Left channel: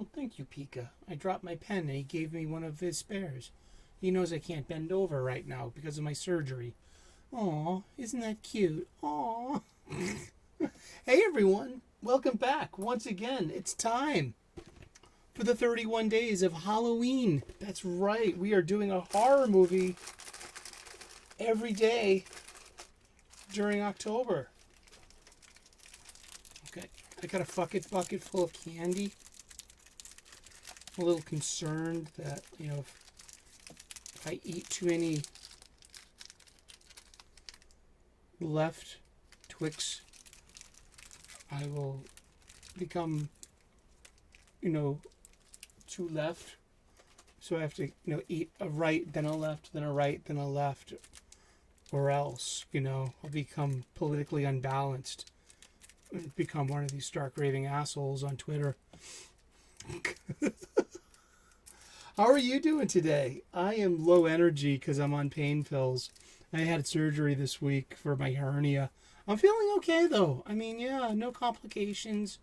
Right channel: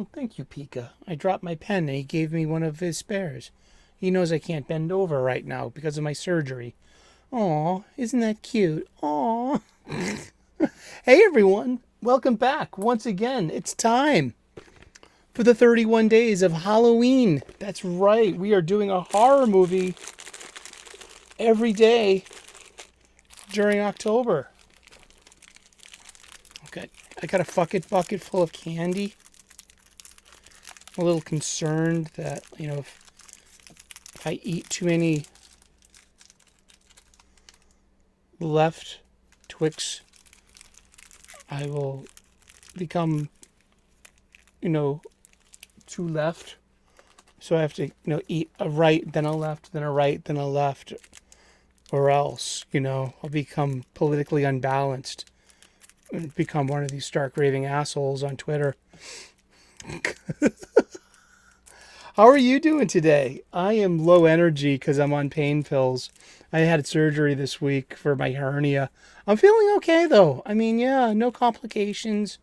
Oh, thank you, Pika. I dropped my pen and he gave me one of his spares. He knows I can't bend over right now because of my surgery. Aw, isn't that cute? Aw. Hey, everyone. Welcome back. Once again, it's time for the 31 days of Halloween. That's right. We are doing a horror movie every day during October. Okay. I got a bucket full of candy. I'm a little concerned that, if I eat too many left Twix, I will become, too left. So I have to, eat a right, then a left, then a right, then a left, or else, I'll become politically unbalanced and become one of these stark raving assholes on Twitter. How are you doing today? I am low energy because I'm on pain pills. I had surgery this week for my hernia. I'm feeling okay though. I mean, yeah, no complications,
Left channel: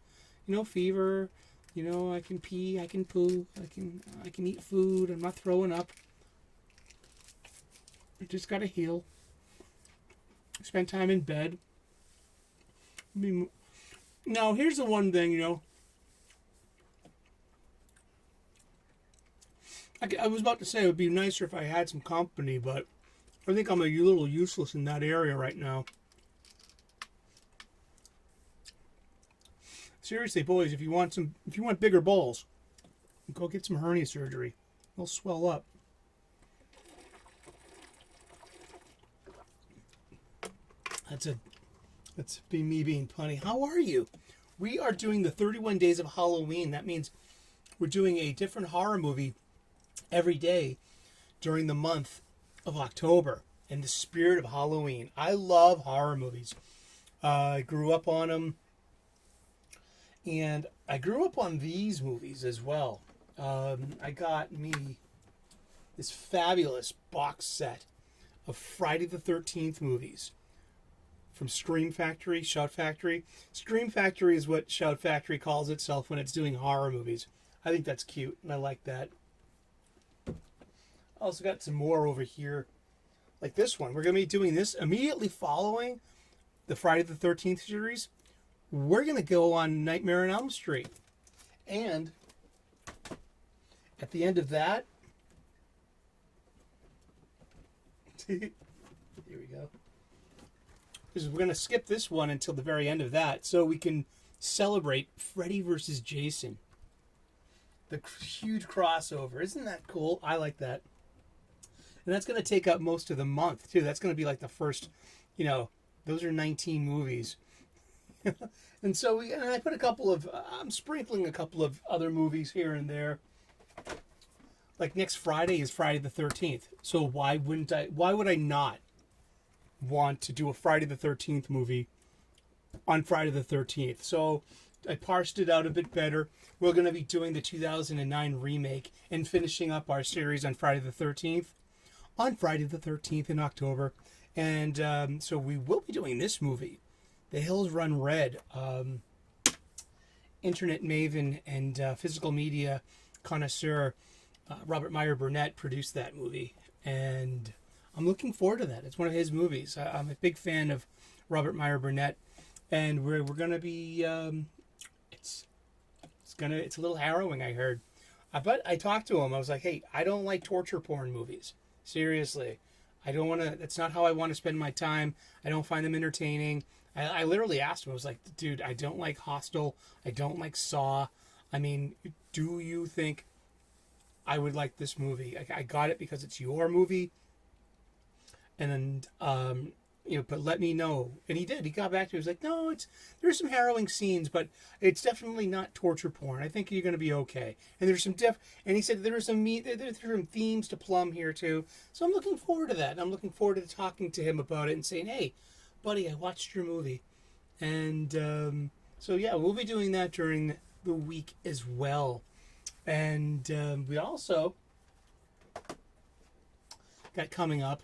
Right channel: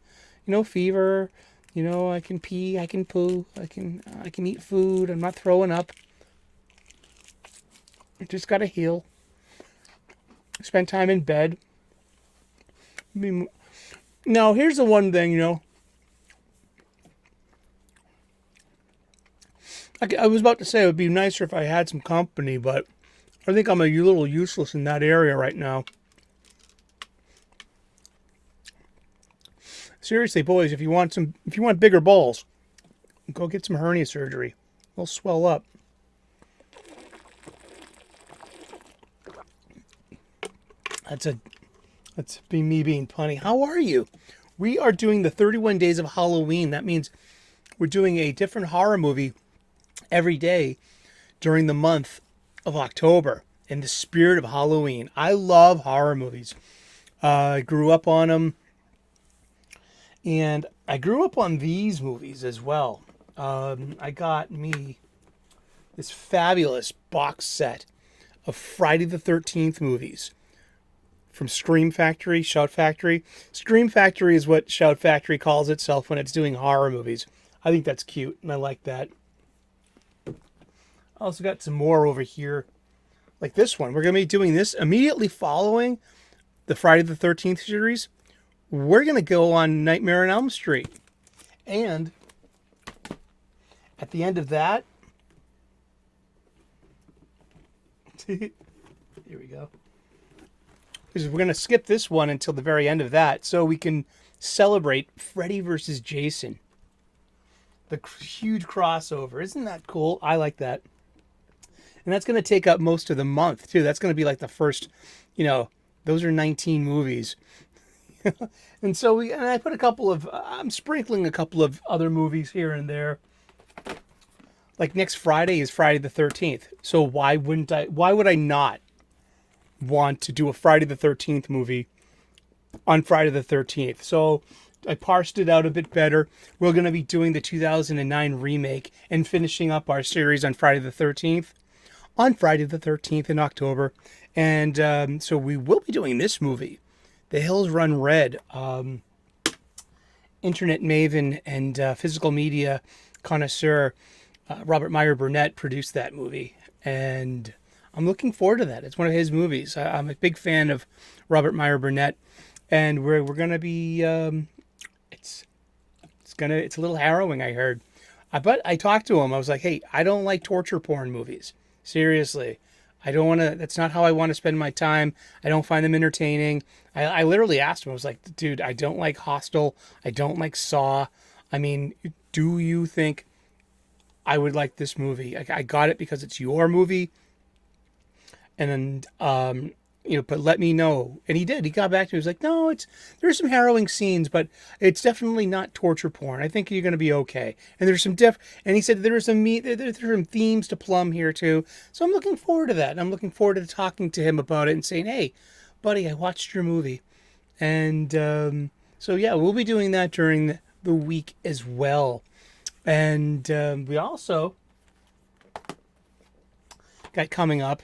no fever. I can pee, I can poo, I can eat food. I'm not throwing up. I just gotta heal. Spend time in bed. I mean, now here's the one thing, I was about to say it would be nicer if I had some company, but I think I'm a little useless in that area right now. Seriously, boys, if you want bigger balls, go get some hernia surgery. They'll swell up. That's me being punny. How are you? We are doing the 31 days of Halloween. That means we're doing a different horror movie every day during the month of October in the spirit of Halloween. I love horror movies. I grew up on them, and I grew up on these movies as well. I got me this fabulous box set of Friday the 13th movies from Scream Factory, Shout Factory. Scream Factory is what Shout Factory calls itself when it's doing horror movies. I think that's cute, and I like that. I also got some more over here, like this one. We're going to be doing this immediately following the Friday the 13th series. We're going to go on Nightmare on Elm Street. And at the end of that, here we go. Because we're going to skip this one until the very end of that so we can celebrate Freddy versus Jason. The huge crossover. Isn't that cool? I like that. And that's going to take up most of the month, too. That's going to be like the first, those are 19 movies. And so I put I'm sprinkling a couple of other movies here and there. Like next Friday is Friday the 13th. So why would I not want to do a Friday the 13th movie on Friday the 13th? So I parsed it out a bit better. We're going to be doing the 2009 remake and finishing up our series on Friday the 13th. On Friday the 13th in October. And so we will be doing this movie, The Hills Run Red. Internet maven and physical media connoisseur Robert Meyer Burnett produced that movie. And I'm looking forward to that. It's one of his movies. I'm a big fan of Robert Meyer Burnett. And we're going to be... it's a little harrowing, I heard. But I talked to him. I was like, hey, I don't like torture porn movies. Seriously. I don't want to, that's not how I want to spend my time. I don't find them entertaining. I literally asked him, I was like, dude, I don't like Hostel. I don't like Saw. I mean, do you think I would like this movie? I got it because it's your movie. And then, but let me know. And he did. He got back to me. He was like, no, there's some harrowing scenes, but it's definitely not torture porn. I think you're going to be okay. And there's some and he said there's some themes to plumb here too. So I'm looking forward to that. And I'm looking forward to talking to him about it and saying, hey, buddy, I watched your movie. And so yeah, we'll be doing that during the week as well. And we also got coming up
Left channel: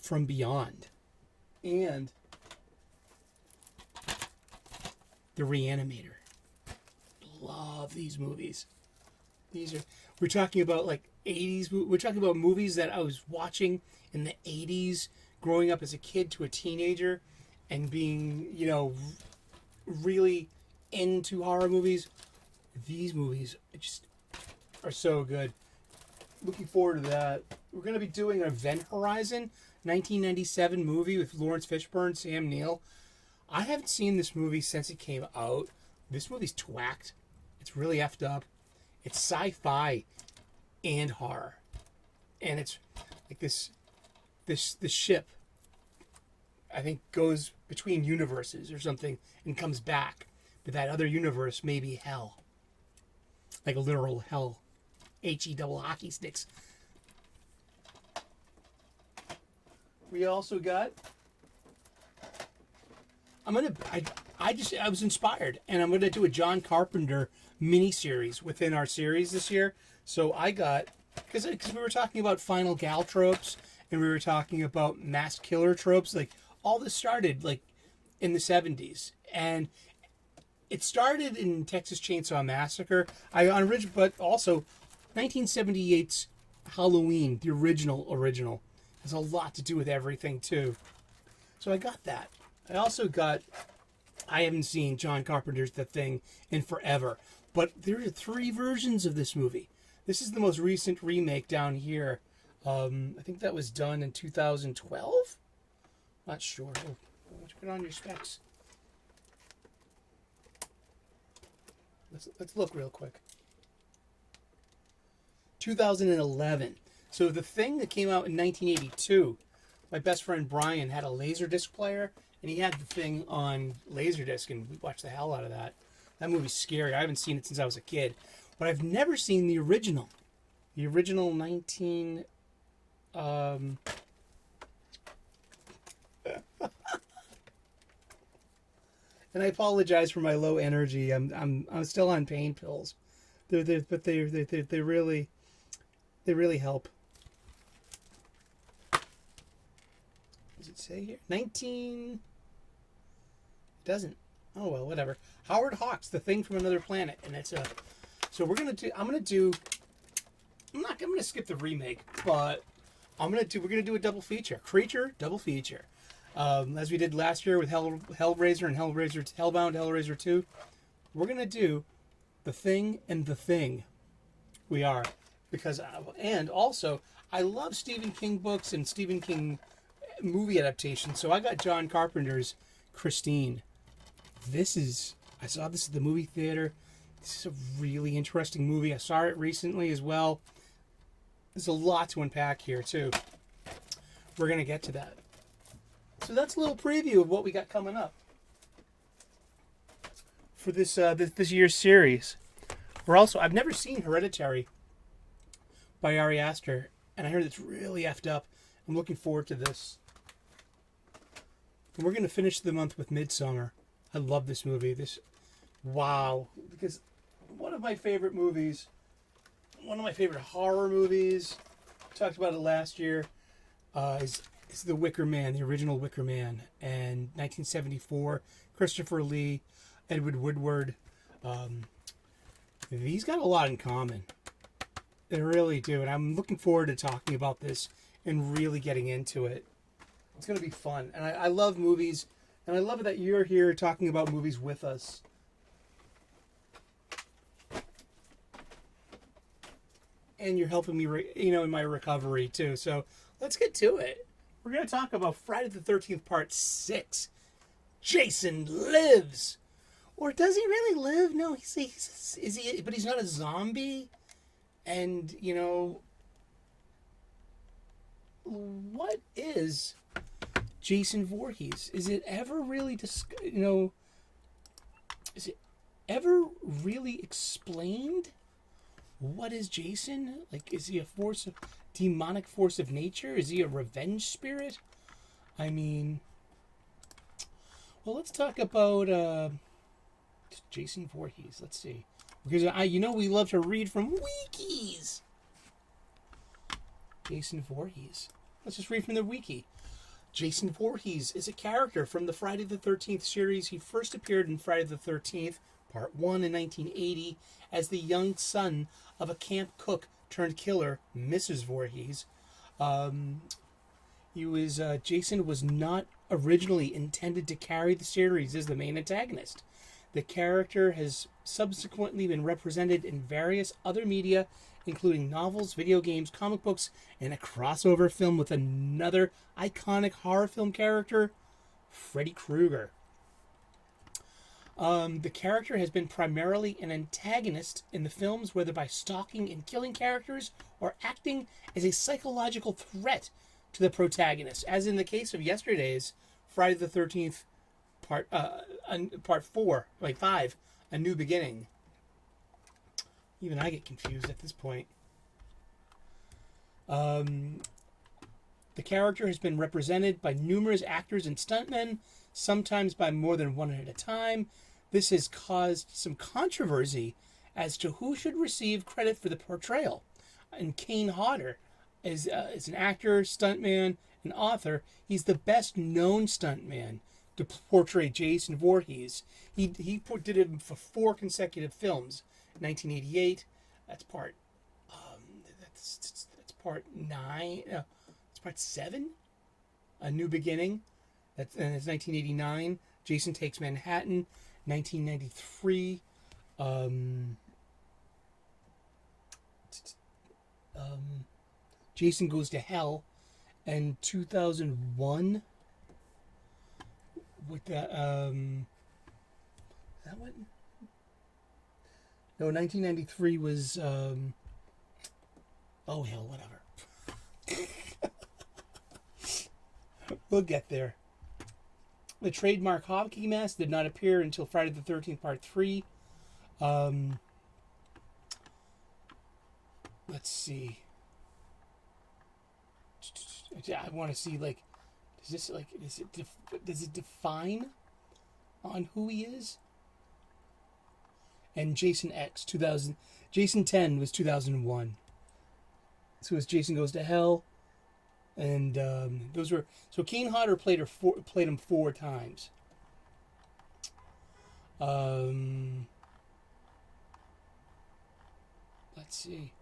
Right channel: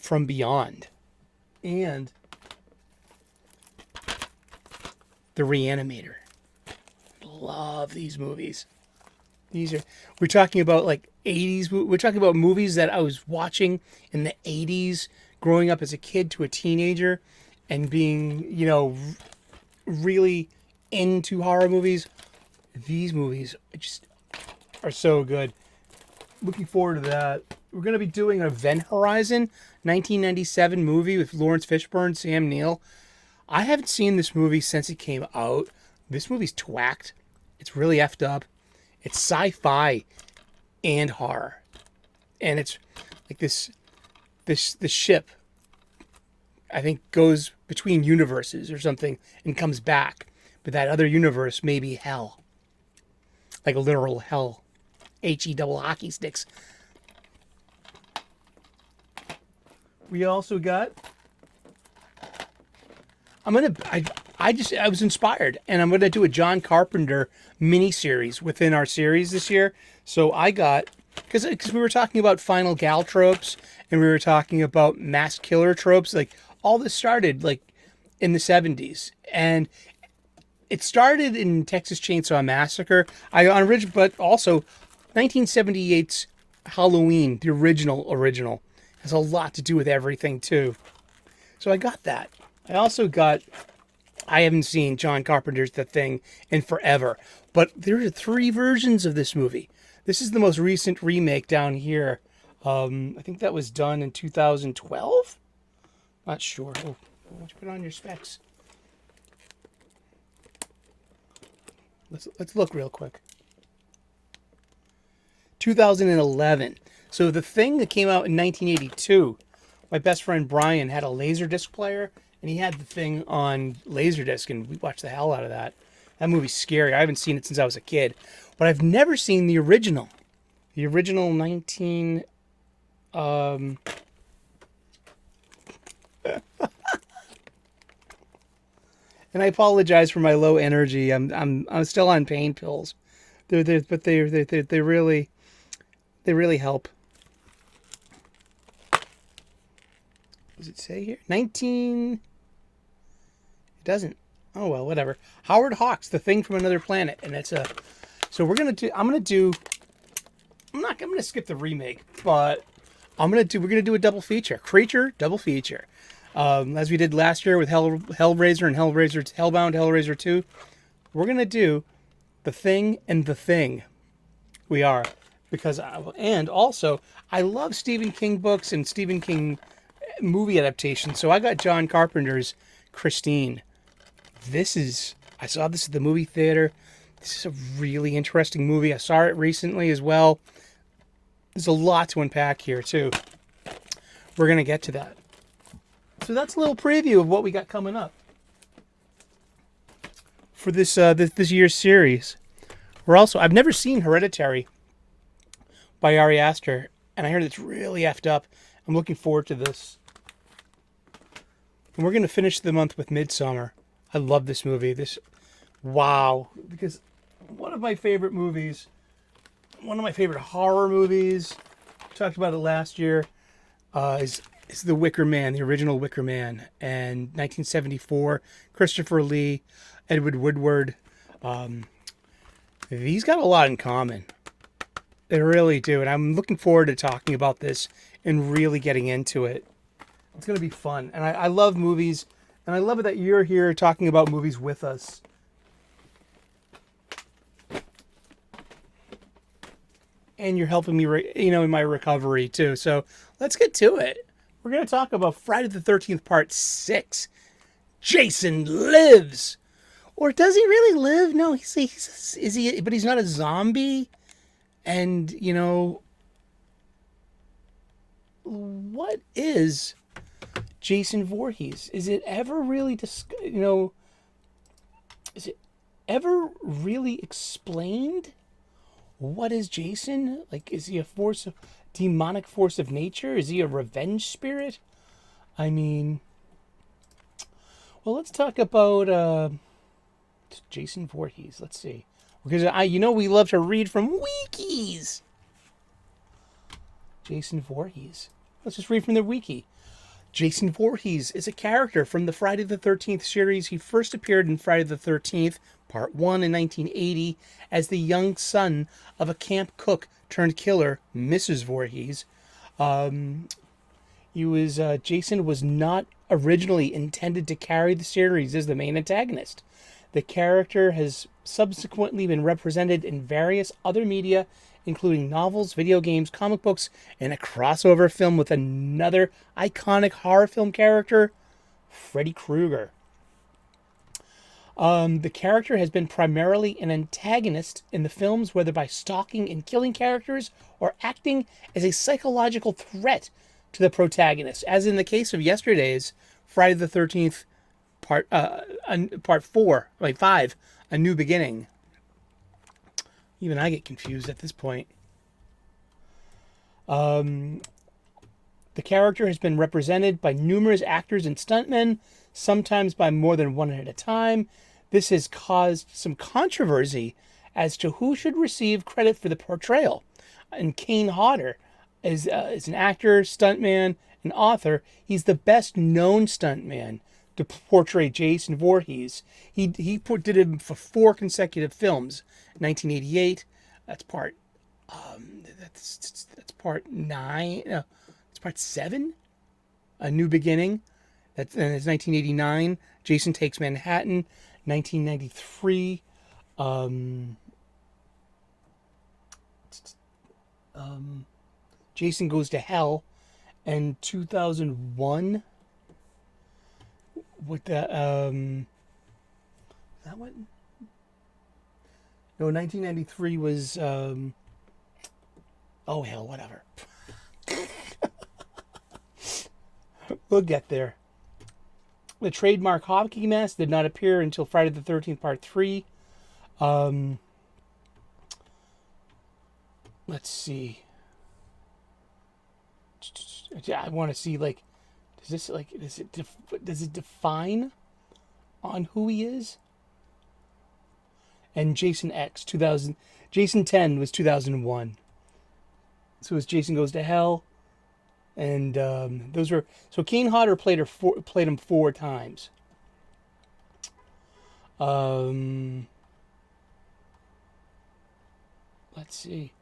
From Beyond and The Reanimator. love these movies. We're talking about like 80s. We're talking about movies that I was watching in the 80s, growing up as a kid to a teenager, and being, really into horror movies. These movies just are so good. Looking forward to that. We're going to be doing an Event Horizon 1997 movie with Lawrence Fishburne, Sam Neill. I haven't seen this movie since it came out. This movie's twacked. It's really effed up. It's sci-fi and horror. And it's like this ship, I think, goes between universes or something and comes back. But that other universe may be hell. Like a literal hell. H-E double hockey sticks. We also got... I was inspired, and I'm gonna do a John Carpenter mini-series within our series this year. So I got, because we were talking about final gal tropes, and we were talking about mass killer tropes. Like, all this started like in the 70s, and it started in Texas Chainsaw Massacre. But also 1978's Halloween, the original, has a lot to do with everything too. So I got that. I haven't seen John Carpenter's The Thing in forever, but there are 3 versions of this movie. This is the most recent remake down here. I think that was done in 2012? Not sure. Oh, why don't you put on your specs? Let's look real quick. 2011. So The Thing that came out in 1982, my best friend Brian had a Laserdisc player, and he had The Thing on Laserdisc, and we watched the hell out of that. That movie's scary. I haven't seen it since I was a kid. But I've never seen the original. The original 19... and I apologize for my low energy. I'm still on pain pills. They really help. Does it say here? 19... It doesn't. Oh well, whatever. Howard Hawks, The Thing from Another Planet, and it's a. So we're gonna do. I'm not gonna skip the remake, but we're gonna do a double feature, Creature double feature, as we did last year with Hellraiser and Hellbound, Hellraiser 2. We're gonna do The Thing and The Thing. We are, because and also I love Stephen King books and Stephen King movie adaptations. So I got John Carpenter's Christine. I saw this at the movie theater. This is a really interesting movie. I saw it recently as well. There's a lot to unpack here too. We're going to get to that. So that's a little preview of what we got coming up for this year's series. I've never seen Hereditary by Ari Aster, and I heard it's really effed up. I'm looking forward to this. And we're going to finish the month with Midsommar. I love this movie. Because one of my favorite horror movies, talked about it last year, is The Wicker Man, the original Wicker Man, and 1974, Christopher Lee, Edward Woodward. These got a lot in common. They really do, and I'm looking forward to talking about this and really getting into it. It's going to be fun, and I love movies. And I love it that you're here talking about movies with us. And you're helping me, in my recovery too. So let's get to it. We're going to talk about Friday the 13th Part 6. Jason lives. Or does he really live? No, is he? But he's not a zombie. And, what is Jason Voorhees? Is it ever really is it ever really explained? What is Jason? Like, is he a demonic force of nature? Is he a revenge spirit? I mean, well, let's talk about Jason Voorhees. Let's see, because we love to read from wikis. Jason Voorhees. Let's just read from the wiki. Jason Voorhees is a character from the Friday the 13th series. He first appeared in Friday the 13th, Part 1 in 1980 as the young son of a camp cook turned killer, Mrs. Voorhees. Um, Jason was not originally intended to carry the series as the main antagonist. The character has subsequently been represented in various other media, including novels, video games, comic books, and a crossover film with another iconic horror film character, Freddy Krueger. The character has been primarily an antagonist in the films, whether by stalking and killing characters or acting as a psychological threat to the protagonist, as in the case of yesterday's Friday the 13th part 4, like 5, A New Beginning. Even I get confused at this point. The character has been represented by numerous actors and stuntmen, sometimes by more than one at a time. This has caused some controversy as to who should receive credit for the portrayal. And Kane Hodder is an actor, stuntman, and author. He's the best known stuntman to portray Jason Voorhees. He did it for 4 consecutive films. 1988, that's part that's part 9. No, it's part 7. A New Beginning. It's 1989. Jason Takes Manhattan. 1993. Jason Goes to Hell. And 2001. With that, that one? No, 1993 was, oh hell, whatever. We'll get there. The trademark hockey mask did not appear until Friday the 13th, Part 3. Let's see. I want to see, like, does it define on who he is? And Jason X 2000, Jason 10 was 2001. So it's Jason Goes to Hell, and those were so Kane Hodder played him 4 times. Let's see.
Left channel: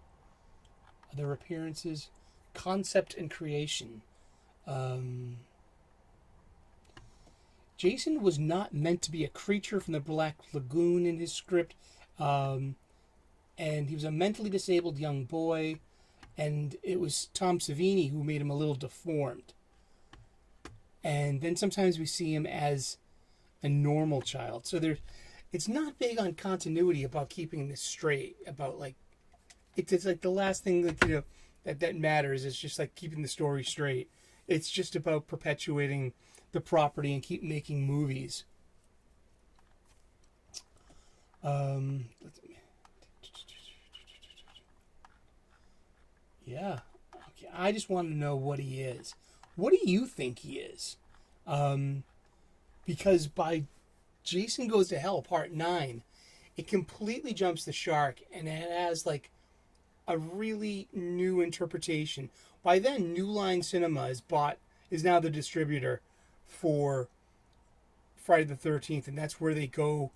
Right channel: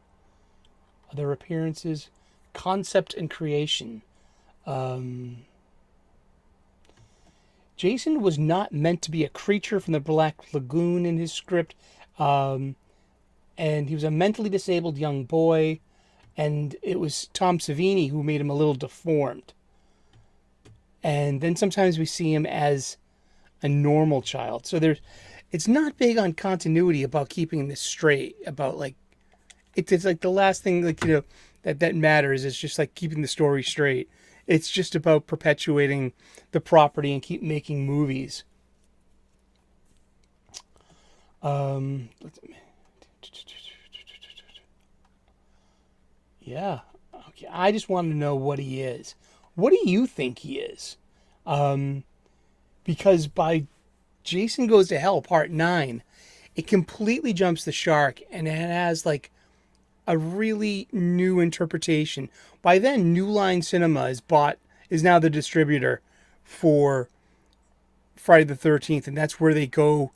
Other appearances, concept and creation. Jason was not meant to be a creature from the Black Lagoon in his script, and he was a mentally disabled young boy, and it was Tom Savini who made him a little deformed. And then sometimes we see him as a normal child. So it's not big on continuity about keeping this straight. About like, it's like the last thing that matters is just like keeping the story straight. It's just about perpetuating the property and keep making movies. Yeah. Okay. I just want to know what he is. What do you think he is? Because by Jason Goes to Hell Part 9, it completely jumps the shark and it has like a really new interpretation. By then, New Line Cinema is now the distributor for Friday the 13th, and that's where they go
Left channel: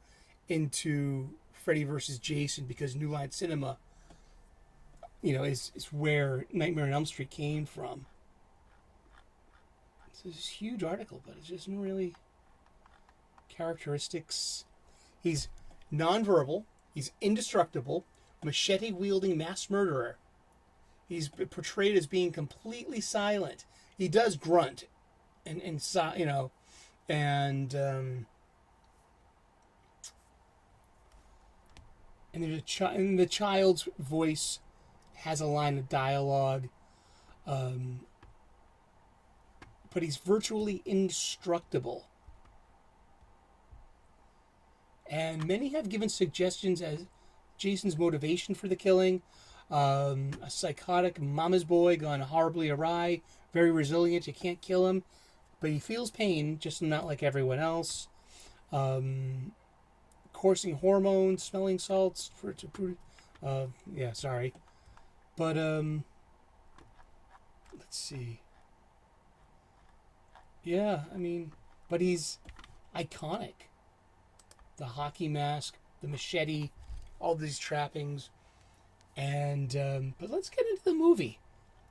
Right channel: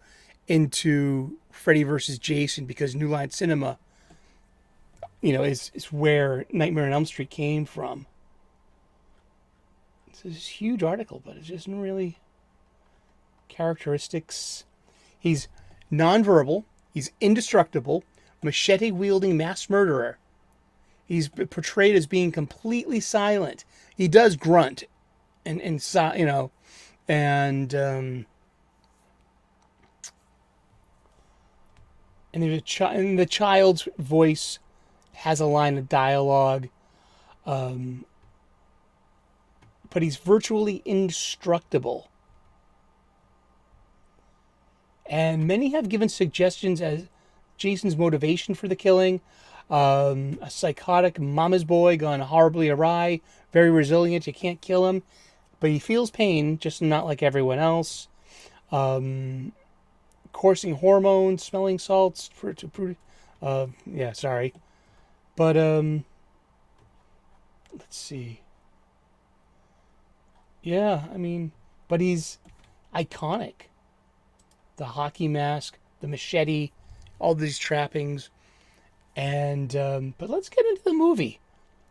into Freddy versus Jason, because New Line Cinema, is where Nightmare on Elm Street came from. It's a huge article, but it doesn't really characteristics. He's nonverbal. He's indestructible. Machete-wielding mass murderer. He's portrayed as being completely silent. He does grunt, and the child's voice has a line of dialogue, but he's virtually indestructible. And many have given suggestions as Jason's motivation for the killing. A psychotic mama's boy gone horribly awry, very resilient, you can't kill him, but he feels pain, just not like everyone else. Coursing hormones, smelling salts, sorry. But, let's see. Yeah, but he's iconic. The hockey mask, the machete, all these trappings. And but let's get into the movie.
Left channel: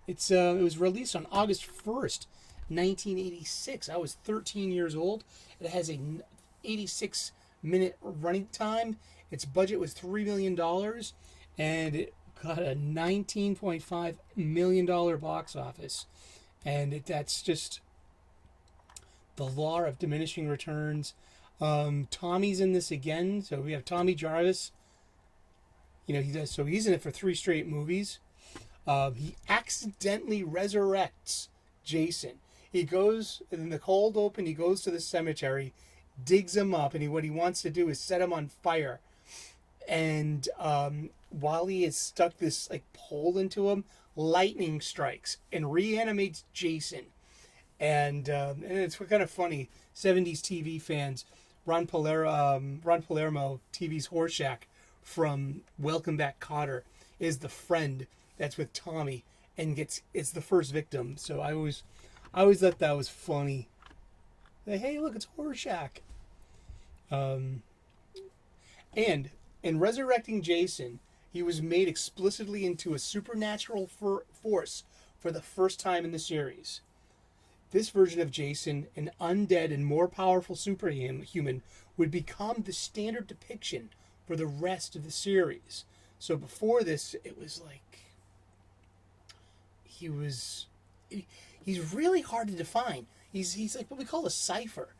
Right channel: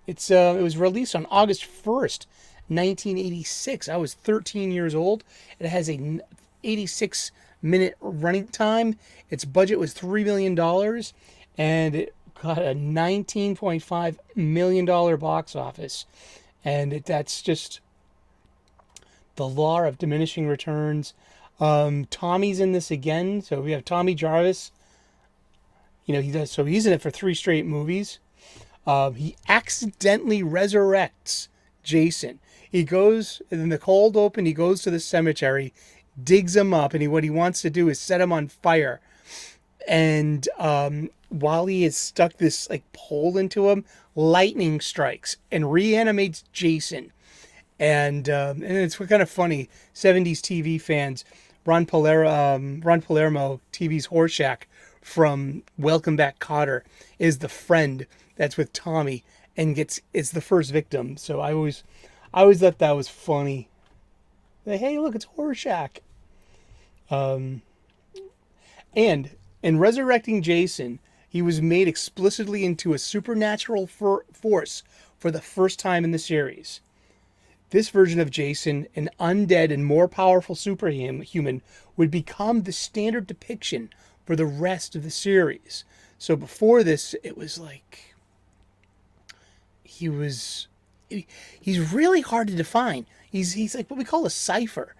It was released on August 1st, 1986. I was 13 years old. It has a 86-minute running time. Its budget was $3 million, and it got a $19.5 million box office. And that's just the law of diminishing returns. Tommy's in this again, so we have Tommy Jarvis. He does. So he's in it for 3 straight movies. He accidentally resurrects Jason. He goes in the cold open. He goes to the cemetery, digs him up, and what he wants to do is set him on fire. And while he has stuck this like pole into him, lightning strikes and reanimates Jason. And it's kind of funny. 70s TV fans, Ron Palermo, TV's Horseshack from Welcome Back, Kotter, is the friend that's with Tommy and it's the first victim. So I always thought that was funny. Like, hey, look, it's Horseshack. And in resurrecting Jason, he was made explicitly into a supernatural force for the first time in the series. This version of Jason, an undead and more powerful superhuman, would become the standard depiction for the rest of the series. So before this, it was like he's really hard to define. He's like what we call a cipher.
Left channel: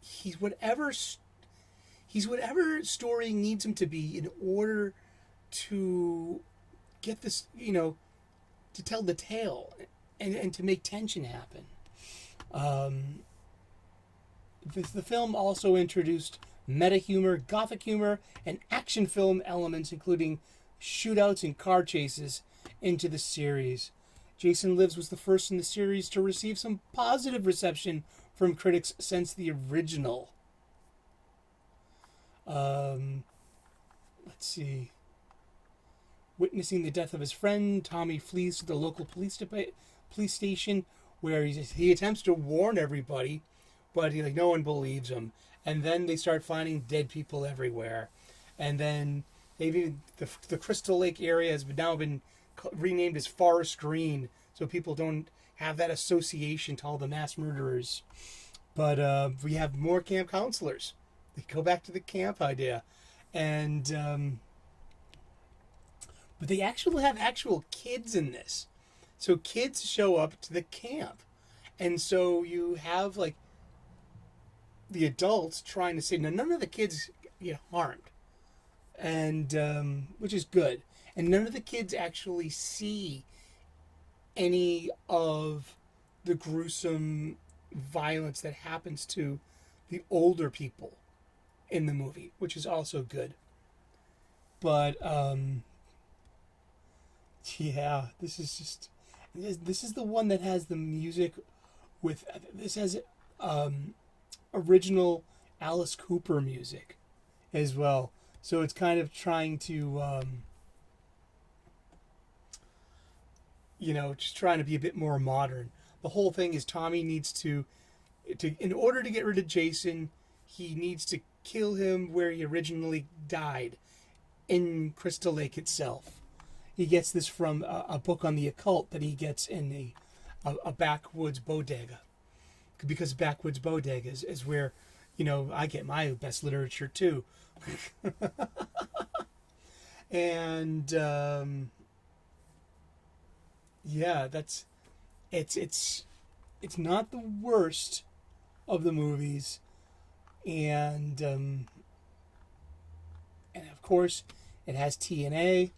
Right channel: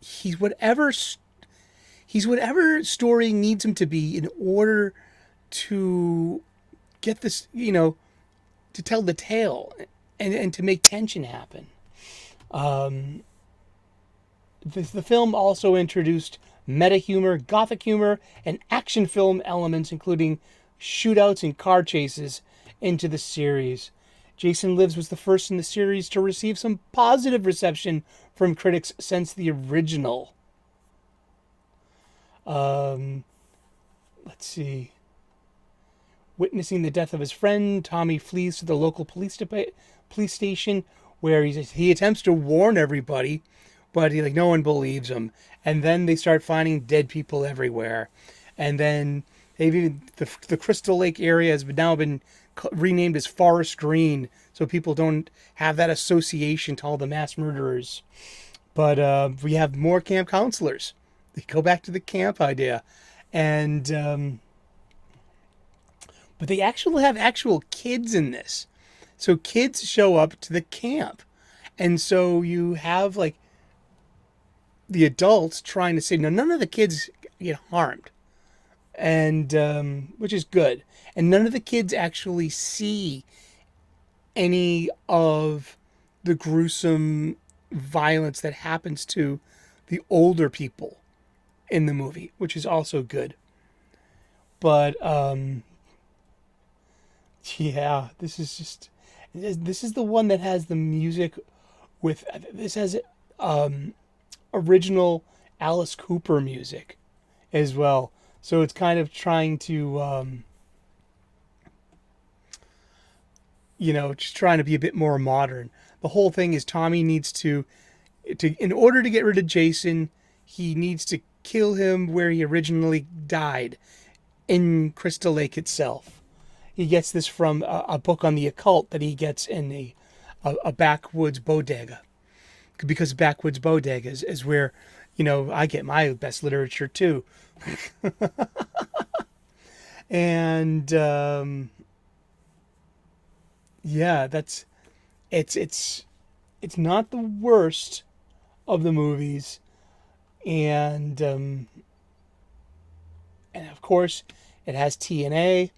He's whatever story needs him to be in order to get this, to tell the tale and to make tension happen. The film also introduced meta humor, gothic humor, and action film elements, including shootouts and car chases, into the series. Jason Lives was the first in the series to receive some positive reception from critics since the original. Let's see. Witnessing the death of his friend, Tommy flees to the local police station, where he attempts to warn everybody, but no one believes him. And then they start finding dead people everywhere. And then the Crystal Lake area has now been renamed as Forest Green, so people don't have that association to all the mass murderers. But we have more camp counselors. They go back to the camp idea. And but they actually have actual kids in this. So kids show up to the camp. And so you have the adults trying to say, no, none of the kids get harmed. And which is good. And none of the kids actually see any of the gruesome violence that happens to the older people in the movie, which is also good. But yeah, this is the one that has the music with this has original Alice Cooper music as well. So it's kind of trying to just trying to be a bit more modern. The whole thing is Tommy needs to in order to get rid of Jason, he needs to kill him where he originally died, in Crystal Lake itself. He gets this from a book on the occult that he gets in a backwoods bodega. Because backwoods bodegas is where, I get my best literature too. And yeah, it's not the worst of the movies, and of course it has TNA,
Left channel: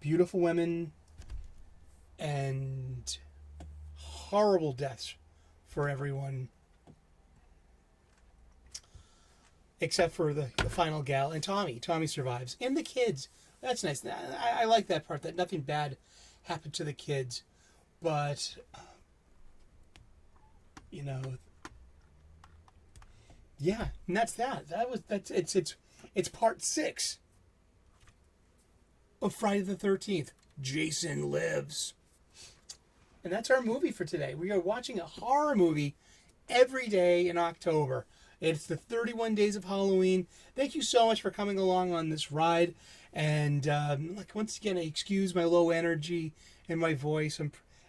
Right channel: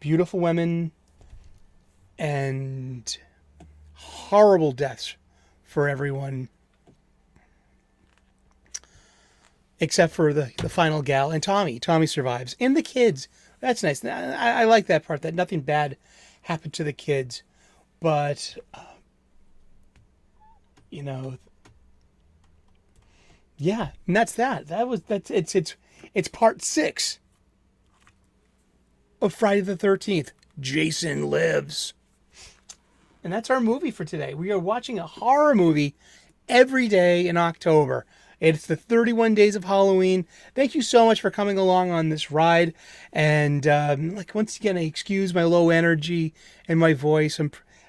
beautiful women, and horrible deaths for everyone except for the final gal and Tommy. Tommy survives, and the kids. That's nice. I like that part, that nothing bad happened to the kids. But yeah, and that's that. It's part 6 of Friday the 13th. Jason Lives. And that's our movie for today. We are watching a horror movie every day in October. It's the 31 Days of Halloween. Thank you so much for coming along on this ride. And like once again, I excuse my low energy and my voice.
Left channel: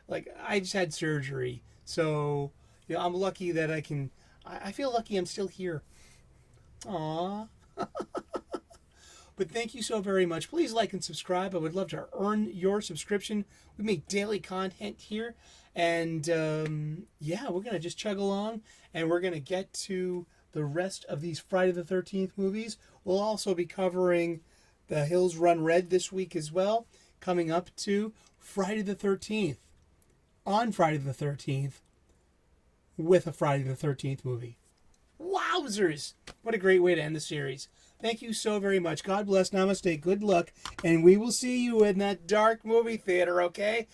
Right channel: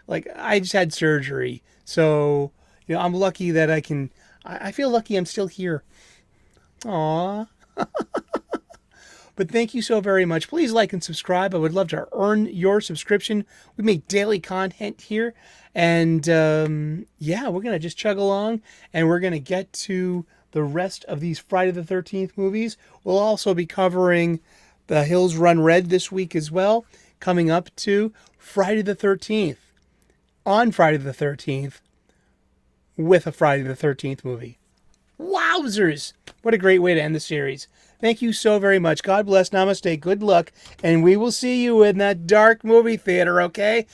I just had surgery, so I'm lucky that I can. I feel lucky I'm still here. Aww. But thank you so very much. Please like and subscribe. I would love to earn your subscription. We make daily content here. And yeah, we're going to just chug along and we're going to get to the rest of these Friday the 13th movies. We'll also be covering The Hills Run Red this week as well, coming up to Friday the 13th. On Friday the 13th, with a Friday the 13th movie. Wowzers! What a great way to end the series. Thank you so very much. God bless. Namaste. Good luck. And we will see you in that dark movie theater, okay?